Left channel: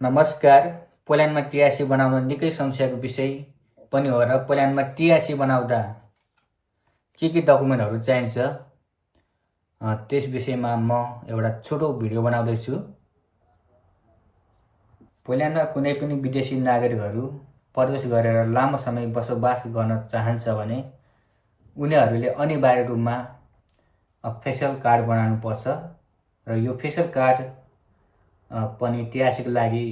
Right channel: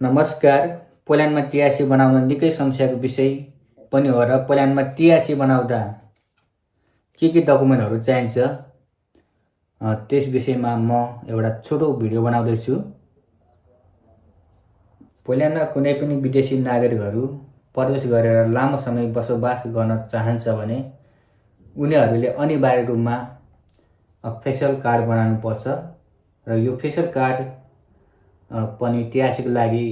नमस्कार। पोल्यान्डमा टिआरसी बनाउन निकै समस्याको विषय पनि हो र पोल्यान्डमा टिआरसी बनाउँदा के डकुमेन्टहरू चाहिन्छ त्यस विषयमा म एउटा छोटो भिडियो बनाउँदैछु। पोल्यान्डमा कुनै पनि विदेशी नागरिकहरू प्रवेश गरेर लामो समय बसोबास गर्न चाहन्छ भने उनीहरूले अनिवार्य रूपमा फेसियल कार्ड बनाउनु पर्छ र यो फेसियल कार्ड पनि टिआरसीको लागि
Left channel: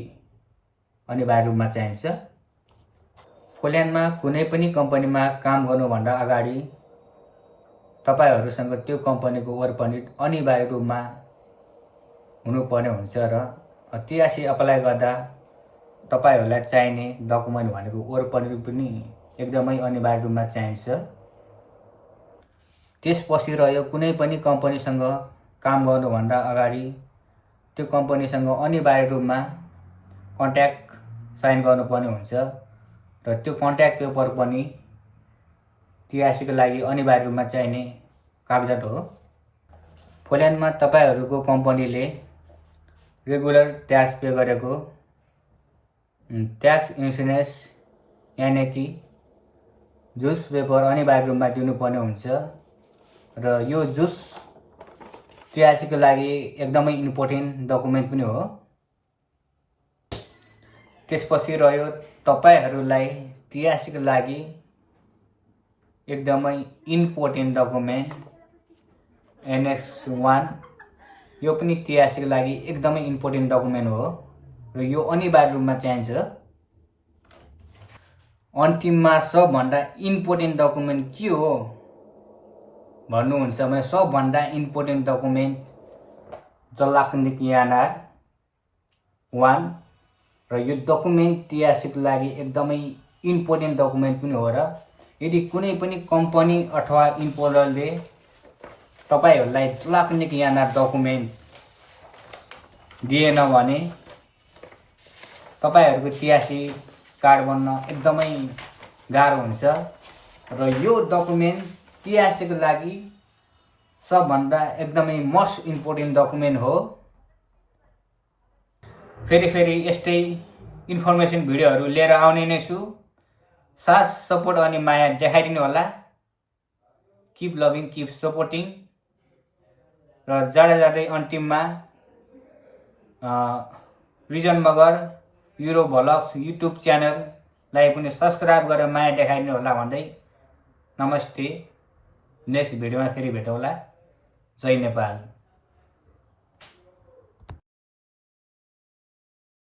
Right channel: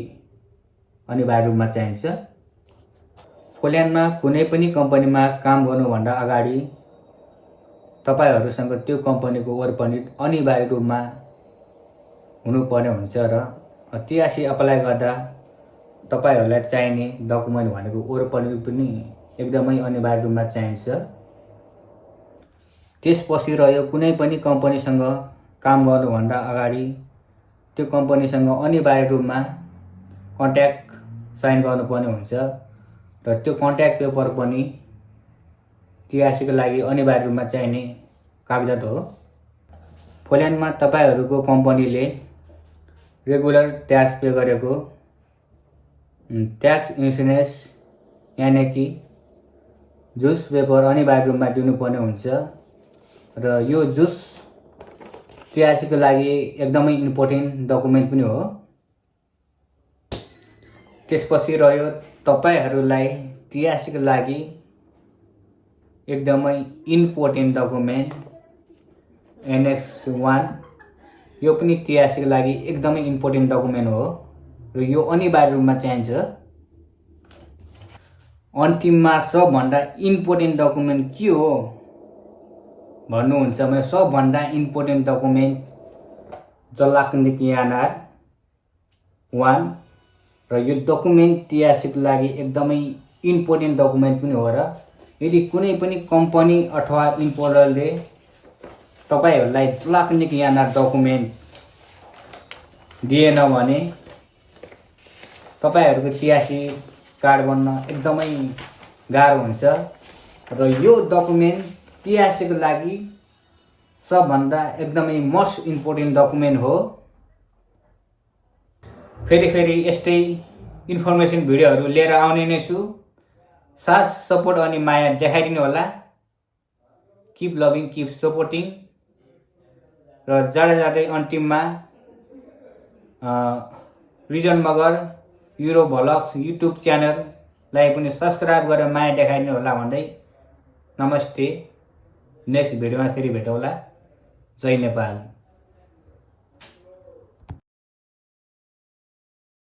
अनिवार्य रूपमा चाहिन्छ। पोल्यान्डमा कुनै पनि कम्पनीमा काम गर्नुभन्दा अगाडि तपाईहरुसँग त्यो कम्पनीको वर्क परमिट अनिवार्य रूपमा हुनुपर्ने हुन्छ र टिआरसी अप्लाई गर्दा तपाईहरुलाई चाहिने डकुमेन्ट भनेको वर्क परमिट पनि एकदमै अनिवार्य रूपमा चाहिन्छ। त्यसपछि रह्यो कुनै पनि कम्पनीसँग काम गर्नुभन्दा अगाडि त्यो कम्पनीसँग अनिवार्य रूपमा कन्ट्र्याक्ट साइन गर्नुपर्ने हुन्छ र त्यो कन्ट्र्याक्ट पेपर पनि टिआरसीको लागि अनिवार्य रूपमा चाहिने कागजात हो। पोल्यान्डमा तपाईहरुको कम्पनीले रेगुलर ट्याक्स पे गरेको ट्याक्स इन्स्योरेन्स यानि कि जुस पेपर अनिवार्य रूपमा दिनुपर्ने हुन्छ र यो जुस टिआरसीको लागि एकदमै इम्पोर्टेन्ट डकुमेन्ट पनि हो। त्यसपछि रह्यो तपाईहरुलाई टिआरसीको लागि एकदमै इम्पोर्टेन्ट डकुमेन्ट एनेक्स 1 यो पनि टिआरसीको लागि एकदमै इम्पोर्टेन्ट डकुमेन्ट हो र यो अनिवार्य रूपमा चाहिन्छ। अन्तिममा सबभन्दा इम्पोर्टेन्ट डकुमेन्ट के हो भन्नुहुन्छ भने सबभन्दा इम्पोर्टेन्ट डकुमेन्ट जलाक्निकियानार 1 र यो डकुमेन्ट टिआरसीको लागि एकदमै इम्पोर्टेन्ट डकुमेन्ट पनि हो र यदि कुनै पनि कम्पनी अथवा इम्पोर्टरले तपाईहरुलाई जलाक्निकियानार डकुमेन्ट दिएन भने तपाईहरुको टिआरसी कार्ड बन्न एकदमै गाह्रो हुन्छ र यो डकुमेन्ट टिआरसीको लागि सबभन्दा एकदमै मोस्ट इम्पोर्टेन्ट डकुमेन्ट हो। फेरि यस्तै इन्फर्मेसन भिडियोहरू लिएर आउने नै छु। साथ सपोर्ट अनि माया देखाइदिनु होला। किप लभिङ किप सपोर्टिङ र जाँदै अन्तिममा Rijan Magar Euro vlogs YouTube च्यानललाई पनि सब्स्क्राइब गरेर माया देखाइदिनु होला भन्दै नमस्ते। नेक्स्ट भिडियोमा फेरि भेटौँला। जय नेपाल।